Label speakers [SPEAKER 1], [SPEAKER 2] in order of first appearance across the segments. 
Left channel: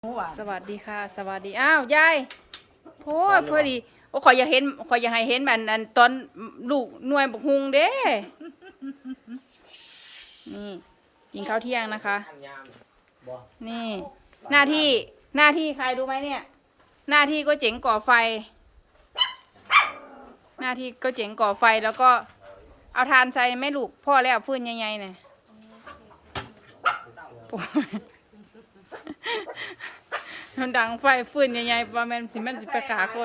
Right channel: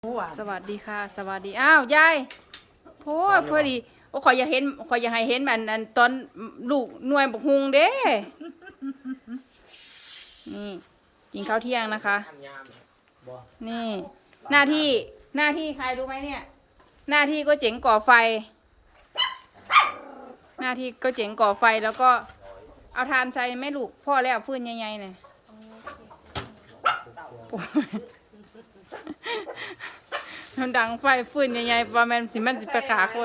[SPEAKER 1] สวัสดีค่ะสวัสดีอ้าวยายพอดีโอ้ขอยอยากให้เห็นอันตอนลูกหน่วยบกฮุงเด้นี่กินข้าวเที่ยงนะคะนี่หน้าที่ใครรู้ไหมเนี่ยหน้าที่ก็เจ๋งก่อไฟหน้าที่ก็เจ๋งก่อไฟแล้วก็เอาทานใส่แม่ลูกพ่อแล้วฟื้นใหญ่ๆเนี่ยมันดังไฟฟื้นใหญ่ๆประมาณมันสิไปขาคน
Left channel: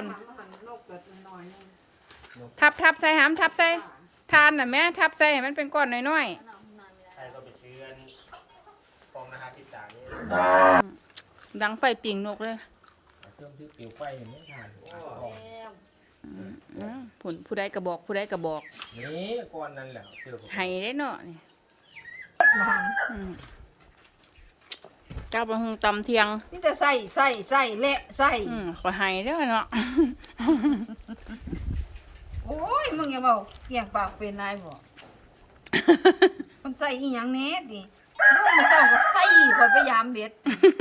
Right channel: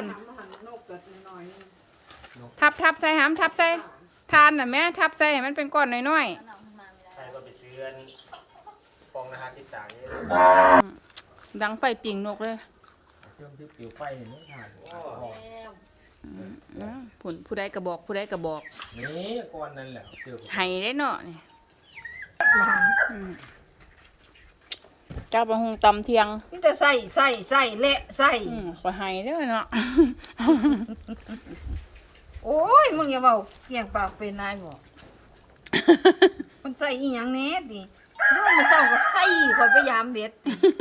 [SPEAKER 1] ทับใส่หามทับใส่ทานน่ะแม่ทับใส่ให้มันเป็นก้อนน้อยๆดังไฟปิ่งนกเลยผลผู้ใดกระบอก
[SPEAKER 2] นี่ก่อนนั่นแหละ
[SPEAKER 1] ไห้ได้เนาะนี่เจ้าประหงตำเทียง
[SPEAKER 3] นี่แต่ใส่เละใส่
[SPEAKER 1] ขอไห้เด้อเนาะ
[SPEAKER 3] โอ้ยมึงอย่าเบาเกี่ยงปากเป็นนายบ่มันใส่อีหยังแน่ดิลูกมันเศร้าก็ใส่ข่อยไปยามเบ็ด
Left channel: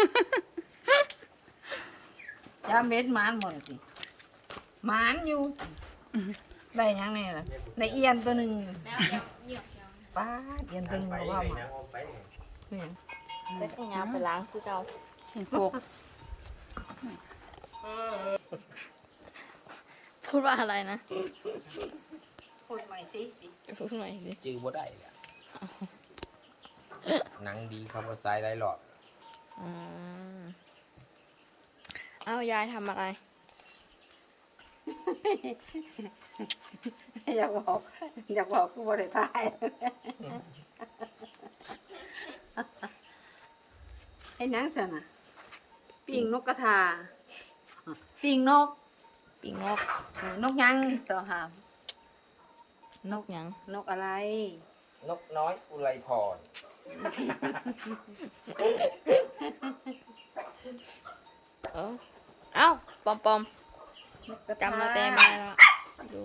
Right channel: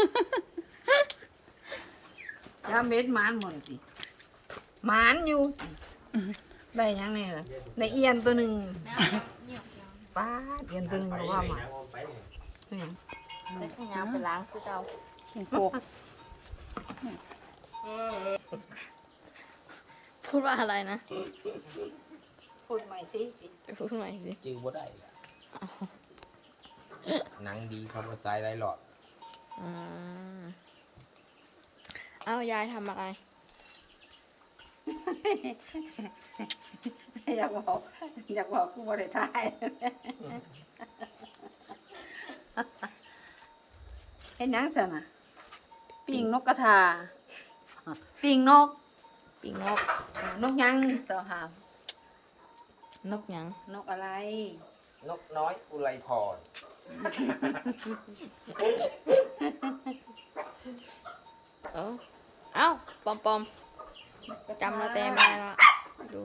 [SPEAKER 3] ยามเบ็ดหมานหมดสิหมานอยู่ได้หยังแน่ล่ะได้เอียนตัวหนึ่งป้าเอียนตัวหนึ่งก็ว่ามาเนี่ย
[SPEAKER 4] ไปล้างคือเรา
[SPEAKER 1] เห็นโกก
[SPEAKER 4] พูดว่าอะไรนะ
[SPEAKER 3] พูดใหม่สิ
[SPEAKER 4] พูดใหม่สิ
[SPEAKER 2] จื้อบ่ได้แหละหนังดีคำว่าสายไรหลอด
[SPEAKER 4] เอายายทำอะไร
[SPEAKER 3] อยากบอกกูบ่ได้ทายไอ้นังสั่นน่ะปิ่งนกกระทาปิ่งนกนกยังต่อหาม
[SPEAKER 4] นกยัง
[SPEAKER 3] นกอะไร
[SPEAKER 2] นกน้อยอุไรพร
[SPEAKER 4] เอ้าปอมจำเราแต่ไม่ได้ละดู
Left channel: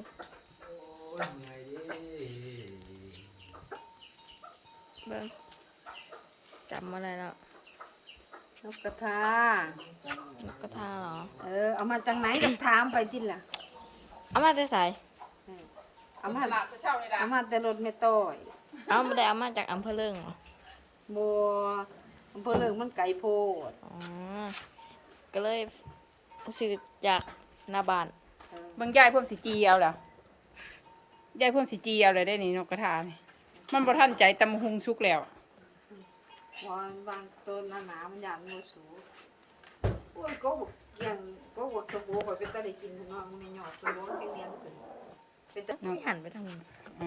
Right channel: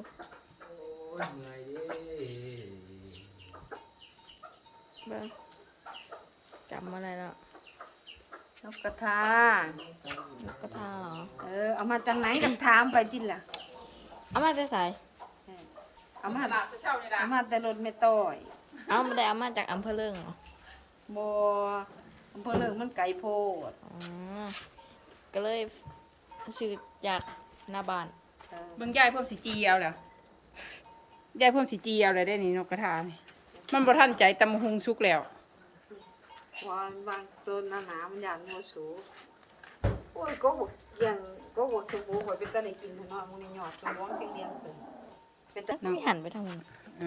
[SPEAKER 4] เบิ้งจำอะไรแล้ว
[SPEAKER 3] นกกระทาน
[SPEAKER 4] กกระทาเหรอ
[SPEAKER 3] เอามาจากไหนกับถามไปจิล่ะ
[SPEAKER 4] เอามาแต่ใส่
[SPEAKER 3] เอามาแต่รถไม่ต้อย
[SPEAKER 4] เอาไม่ได้เอามาจากอำเภอเลิงเหรอ
[SPEAKER 3] บัวอำเภอเลิงมันไกลโพด
[SPEAKER 4] ก็เลยซื้อจากหน้าบ้าน
[SPEAKER 1] บางยายเพิ่มสีจีเอาแล้วยายเพิ่มสีจีเอาเลยได้นี่นกกระทานี่มันบ่ทันใจตำหุงชุกแล้ว
[SPEAKER 3] วางต้นหนามันหยาดโมสูโอ้ยก็ยังก็วัดสมบูรณ์ข่อยเป็นตาได้กินขนมมึงนี่หยอดสมบูรณ์เลี้ยงขึ้น
[SPEAKER 4] เป็นตาไม่หันไปทางนู้น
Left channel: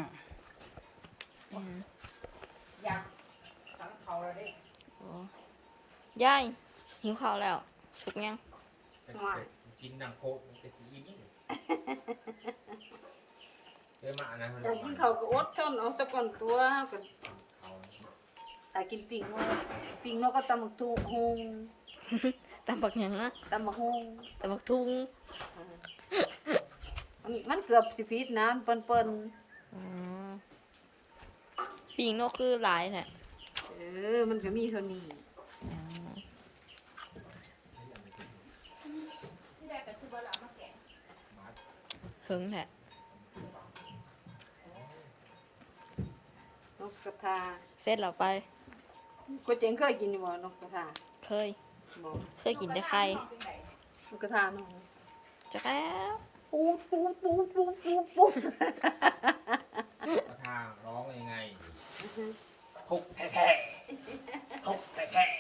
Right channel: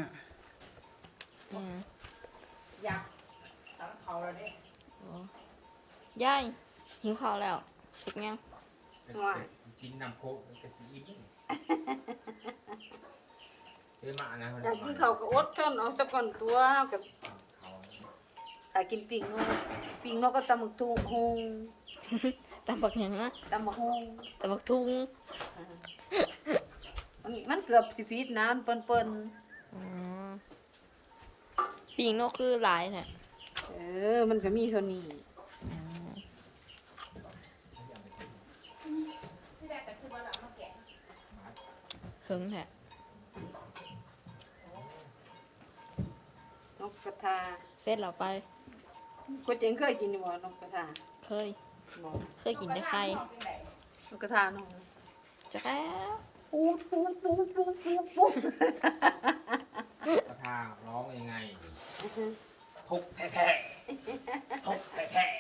[SPEAKER 1] อยากสั่งเขาแล้วดิ
[SPEAKER 4] ยายหิวข้าวแล้วสุกยัง
[SPEAKER 2] กินน้ำโคกมันจะสีอิ่มมาอะไร
[SPEAKER 3] อยากกินข้าวก็อดทนเอาตะก่อนตัวกับอยากกินปิ่งนกก็ตำบักฮุง
[SPEAKER 4] ตำบักยังนะ
[SPEAKER 3] ตำบักฮุง
[SPEAKER 4] ตำบักทุง
[SPEAKER 3] มันเกือบสิพิษนะเปิ้น
[SPEAKER 4] ปิ่งนกคือหลายแหละ
[SPEAKER 3] มันก็มีเท่านี้
[SPEAKER 4] หึงแหละ
[SPEAKER 3] นกกระทา
[SPEAKER 4] เสร็จแล้วไป
[SPEAKER 3] กูเจ๋งเคยกินอยู่บ่นกกระทา
[SPEAKER 4] เคยกินแต่ไข่
[SPEAKER 3] นกกระทาน้อง
[SPEAKER 4] จะแล้ว
[SPEAKER 3] ปูด
[SPEAKER 2] กระทาร้องยังไงทุกแท้ทุกแท้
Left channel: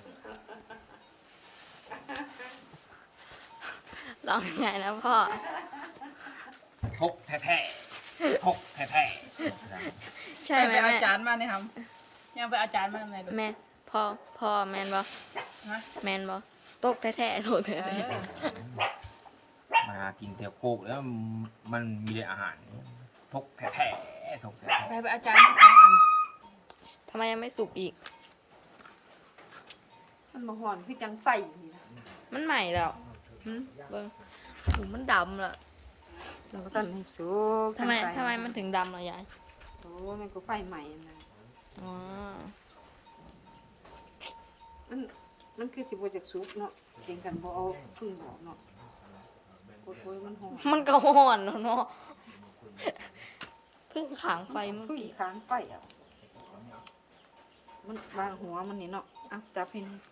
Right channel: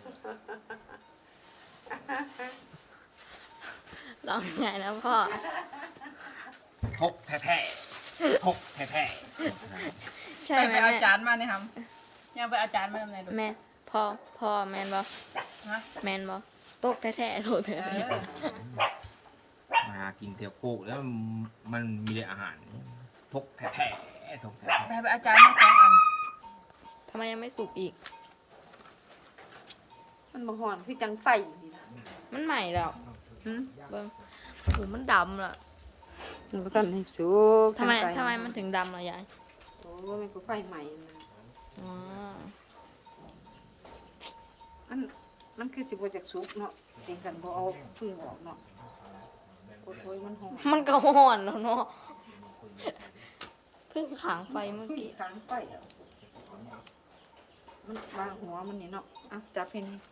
[SPEAKER 4] ร้องยังไงนะพ่อ
[SPEAKER 2] ทุกแท้ทุกแท้
[SPEAKER 4] ใช่ไหม
[SPEAKER 1] อาจารย์มาเนี่ยครับยังไปอาจารย์มาทำไงดู
[SPEAKER 4] แม่พ่อแมนบ่แมนบ่ตกแท้ๆโถแท้
[SPEAKER 2] มากินเตี๋ยวโคกแล้วมันมีอาหารทุกแท้ทุกแท้
[SPEAKER 1] ไปอาจารย์มา2 อัน
[SPEAKER 4] ทำไมยังไม่สุกอีก
[SPEAKER 3] มันมาห่อนพี่จังไฟนี่นะ
[SPEAKER 4] มันใหม่แล้วเบิ้งหูมันดำละ
[SPEAKER 3] มันกันให้สุก
[SPEAKER 4] ทำไมมันถึงดำล่ะยาย
[SPEAKER 3] โอ้มันก็ไฟใหม่นะมันคือสิบ่จากสุกเนาะเต็งกันบ่เอาพึ่งออกเนาะกดโวยมันหอม
[SPEAKER 4] มันก็ห่อนแล้วเนาะเพิ่งขางไฟเมื่อ
[SPEAKER 3] พึ่ง
[SPEAKER 4] กี้
[SPEAKER 3] ค้างไฟอ่ะมันวางหัวมันนี่เนาะเอาจับให้นี่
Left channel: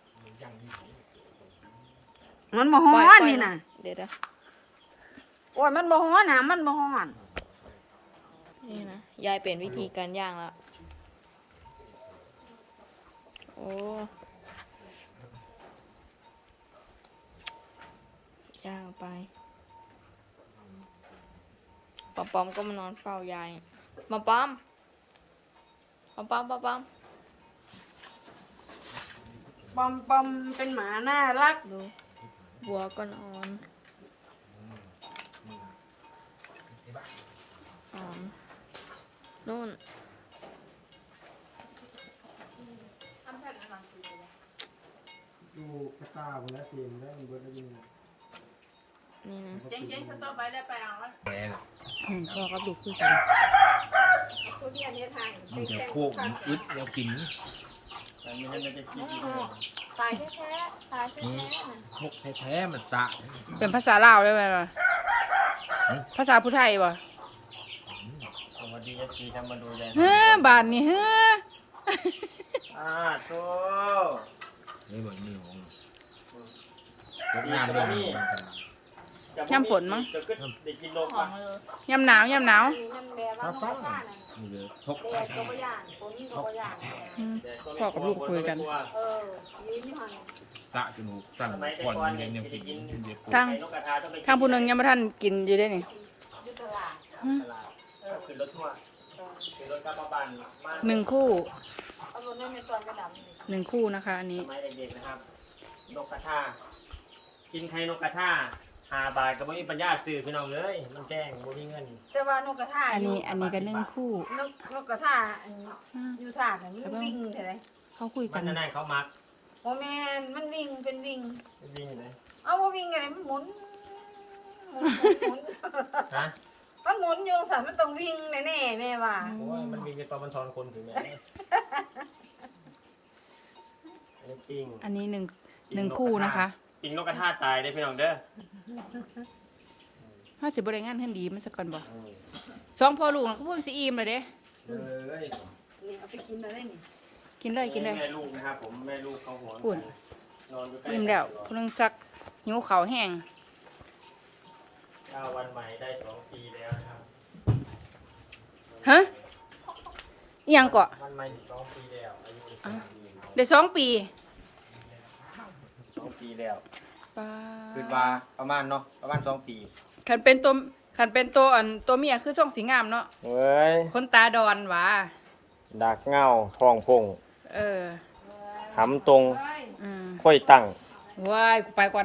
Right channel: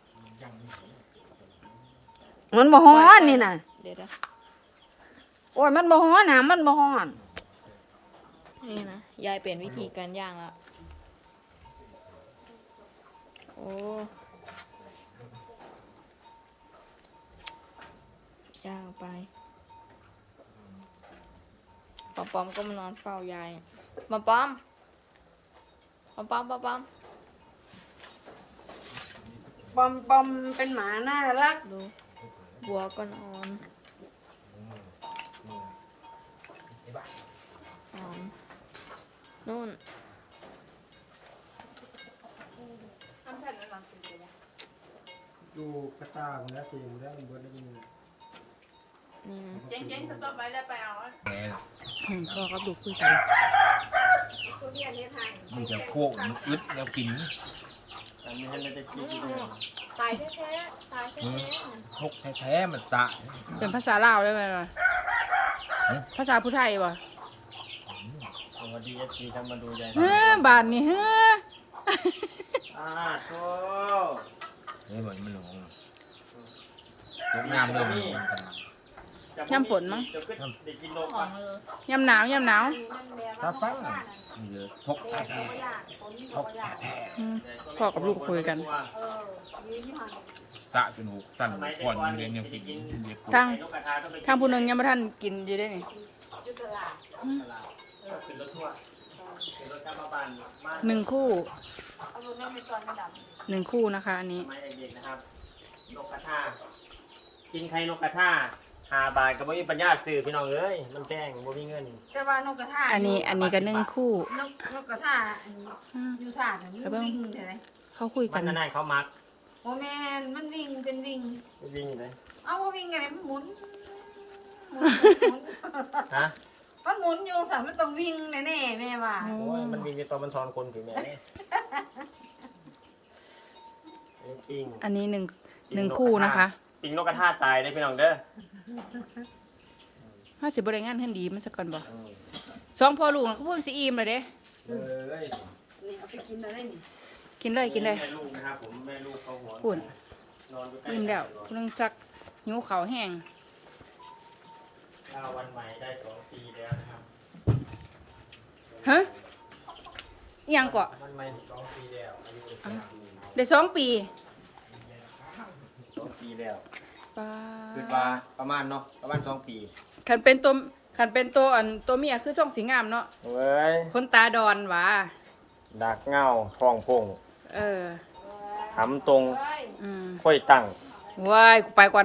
[SPEAKER 3] มันบ่ฮ้อนนี่น่ะ
[SPEAKER 4] เดี๋ยว
[SPEAKER 3] โอ้ยมันบ่ฮ้อนน่ะมันบ่ฮ้อน
[SPEAKER 4] นี่นะยายเปลี่ยนวิธีการย่างแล้วโอ้ย่างไปปอมก็มานอนเฝ้ายายปอมปอม
[SPEAKER 3] ปอมเป็นหมาน่ารัก
[SPEAKER 4] ดูบัวก็นอนนู่น
[SPEAKER 2] ดูกระตามันแล้วคุยมันแล้วมันบนแล้วมัน
[SPEAKER 4] นี่นะ
[SPEAKER 3] เจ๊งๆสต๊อปไว้แล้วไปเอา
[SPEAKER 2] แหม
[SPEAKER 1] พ่อกับลูกคุยกัน
[SPEAKER 2] มันจะโคกมันอึดแล้วกินแต่ไม่ให้มันจะกิน
[SPEAKER 4] ตายแท้ๆตายแท้
[SPEAKER 2] ทกแท้ๆมันสะ
[SPEAKER 1] เป็นภาษาลาวได้ไหมล่ะภาษาผู้ไทยบ่
[SPEAKER 2] สวัสดีFC ทำมาดูยาย
[SPEAKER 1] เฮ้อบานนี่เฮ้อ
[SPEAKER 2] โธ่นี่เหมือนมันหลงยกงามเริ่มมันหลงกัน
[SPEAKER 1] ยำฝนมั้ง
[SPEAKER 4] ๆหอมเลย
[SPEAKER 1] ยำหนาวยำหนาว
[SPEAKER 2] ถ้าฟังมีเยอะทกแท้ๆทกแท้
[SPEAKER 1] อืมพ่อกับลูกคุยกัน
[SPEAKER 2] ๆสะจนหูสั่นก่อนมันยังกินเด็ก
[SPEAKER 1] ทางผู้หนึงยังบ่ทันกินอยู่ได้นี่หนึ่งคู่นะคะอันนี้
[SPEAKER 5] ไม้เด็กๆนะครับนกกระทากินไข่นกกระทา5 บาทก็บ่มีปัญญาซื้อพี่น้องเอ้ยมันแพงบ่มีเงิน
[SPEAKER 3] แต่ว่านกกระทา
[SPEAKER 1] อันนี้ก็หนึ่งคู่
[SPEAKER 3] นกกระทาอันนี้
[SPEAKER 1] อืม
[SPEAKER 3] อยู่ท่าน่ะมันวิ่งใช่ไหม
[SPEAKER 1] เขาคุย
[SPEAKER 5] มั
[SPEAKER 1] กัน
[SPEAKER 5] นนั่นเขามัก
[SPEAKER 3] โอ้แม่นมันวิ่งเป็นวิ่ง
[SPEAKER 5] วิ่งเลย
[SPEAKER 3] เอาว่าวิ่งไงมันหมุน
[SPEAKER 5] ฮะ
[SPEAKER 3] มันหมุนอยู่สันมันต้องวิ่งแน่ๆแม่ว่า
[SPEAKER 5] โอ้ยมันวิ่งในตอนมันทอนคนถึงไหนอันนี้ปิ้ง
[SPEAKER 1] อันนี้หนึ่งคู่นะคะ
[SPEAKER 5] ปิ้งนกกระทาตายได้อพี่น้องเด้อ
[SPEAKER 1] 50บริงานเพิ่นดีมันสักก่อนบ่สองพ่อลูกน่ะเขาพูดสิอิ่มเลยเด้
[SPEAKER 5] เอ้ย
[SPEAKER 3] นี่เอาไปกินอะไรนี่
[SPEAKER 1] กินเลยกินเลย
[SPEAKER 5] แม่ลูกนะครับผมแม่ลูกเขาหัว
[SPEAKER 1] ปุ่น
[SPEAKER 5] นอนอยู่ใกล้
[SPEAKER 1] อิ่มแล้วคุณนึงซักหิวข้าวแห้ง
[SPEAKER 5] วันใหม่ได้2 ปีแล้วครับ
[SPEAKER 1] ฮะอิหยังเกาะ
[SPEAKER 5] วันใหม่2 ปีแล้วอายุได้2 ปี
[SPEAKER 1] ได้2 ปี
[SPEAKER 5] 2 ปีแล้ว
[SPEAKER 1] ป้า
[SPEAKER 5] คือว่าประมาณเนาะประมาณ2 ปี
[SPEAKER 1] คันเป็นตัวตัวเมียคือส่องสีงามเนาะ
[SPEAKER 5] เอ้ย
[SPEAKER 1] คนตาดอนหว่า
[SPEAKER 5] ดักเงาฟองพง
[SPEAKER 1] เออ
[SPEAKER 5] หำตรง
[SPEAKER 1] อืม
[SPEAKER 5] ค่อยตั้ง
[SPEAKER 1] ว้ายกูไปก่อน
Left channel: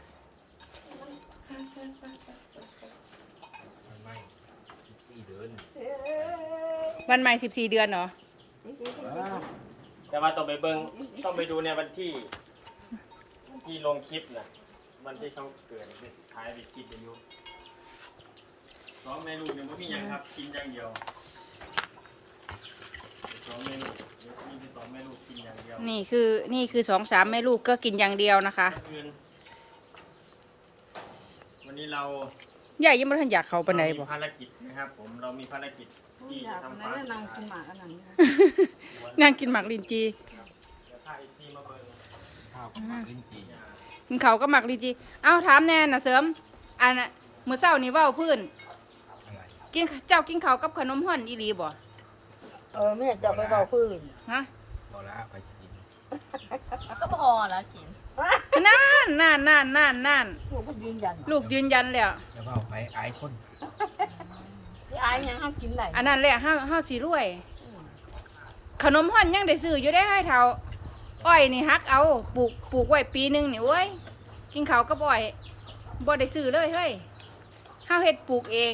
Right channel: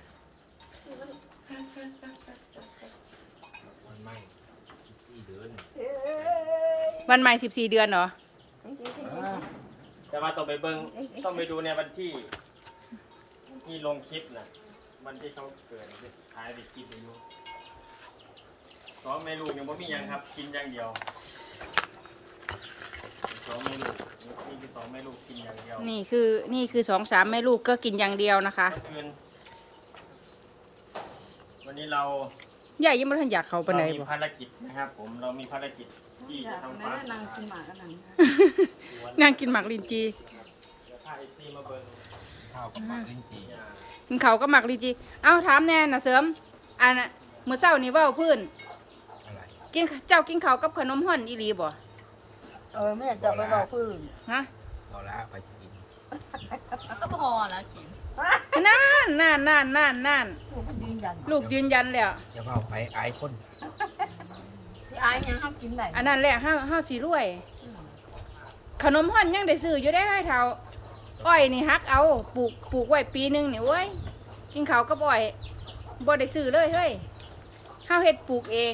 [SPEAKER 2] มันไม่14 เดือน
[SPEAKER 1] วันใหม่14 เดือนเหรอ
[SPEAKER 5] แต่ว่าต้องไปเบิ้งต้องไปดูในวันที่ลงคลิปนะวันที่เขาเกิดเด็กท้ายเด็กคลิปอายุ2 แม่ลูกยังไม่มีหยังครับกินอย่างเดียว2 แม่ลูกนี่คือ2 แม่ลูกกินอย่างเดียว
[SPEAKER 1] นี่คือ2-3แม่ลูกก็กินอย่างเดียวนะคะ
[SPEAKER 5] เมื่อคืนวันนี้เรา
[SPEAKER 1] ใหญ่ยังไม่ทันอยากเข้าปานใด
[SPEAKER 5] มี
[SPEAKER 1] บ่
[SPEAKER 5] ภารกิจนะครับผมเรามีภารกิจที่
[SPEAKER 3] อยา
[SPEAKER 5] จะ
[SPEAKER 3] ก
[SPEAKER 5] ทำ
[SPEAKER 3] นะ
[SPEAKER 5] ความ
[SPEAKER 3] นางกินหมากกันนัง
[SPEAKER 1] นั่งกินหมากลินจี
[SPEAKER 5] ถ้าไอซีมาเบิ้ง
[SPEAKER 2] ข้าวกับหมากลิ้นจี่
[SPEAKER 1] กินเขาวก็หมากลินจี เอ้าถามแน่น่ะเสริมอันน่ะมื้อเช้านี่เว้าพื้น
[SPEAKER 2] อะไร
[SPEAKER 1] เจ้ากินข้าวกับขนมฮ้อนอีหลีบ่
[SPEAKER 3] แม่จะไปเอาพื้น
[SPEAKER 1] ฮะ
[SPEAKER 2] พอละไปจะกิน
[SPEAKER 4] ก็พอแล้วกิน
[SPEAKER 1] นั่น
[SPEAKER 3] ลูกก็ยืนยัน
[SPEAKER 1] ลูกยืนยันแล้ว
[SPEAKER 2] จะเฝ้าไปอายคน
[SPEAKER 3] ที่อายยังห้ามกินได้
[SPEAKER 1] อันนั้นแหละเฮาสิรวย ขนมฮ้อนยังได้ซื้ออยู่ได้ให้เท่าอ้อยนี่ฮักเอาปลูกไว้ปีหนึงนี่โอ้ยกินข้าวกับอ้อยบ่ได้ซื้อเลยเฮ้ยเฮาเฮ็ดปลูกเอง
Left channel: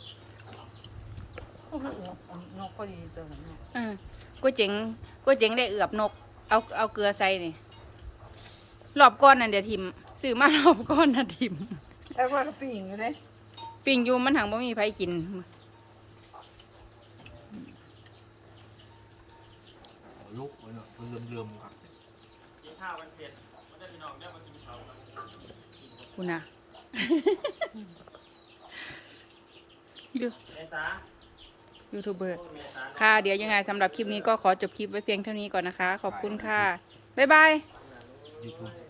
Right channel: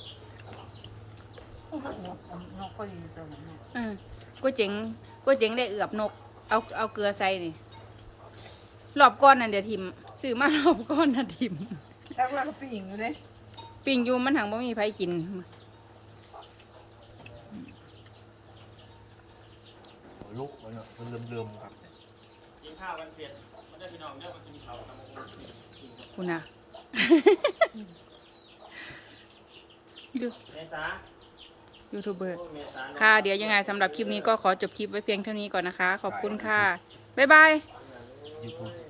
[SPEAKER 3] โอ้โหนกก็ดีตัวนี้นะ
[SPEAKER 1] ก๋วยเจ๋งได้เอือบนก เอาเกลือใส่นี่รอบก้อนนั่นเดี๋ยวทิมซื้อมารอบก้อนน่ะทิม
[SPEAKER 3] แล้วก็ปีงอยู่เลย
[SPEAKER 1] ปิ้งอยู่มันหังบ่มีไผกิน
[SPEAKER 2] ลูกมันเริ่มครับ
[SPEAKER 5] กินข้าวกันเสร็จได้
[SPEAKER 1] คุณน่ะ ดู
[SPEAKER 5] เมษา
[SPEAKER 1] ยูทูบเบอร์
[SPEAKER 5] เมษา
[SPEAKER 1] ค่ะ เดี๋ยวยังไงสำหรับคลิปนี้ก็ขอจบคลิปไว้เพียงเท่านี้ก่อนนะคะ ขอบคุณค่ะ บ๊ายบาย
[SPEAKER 2] YouTube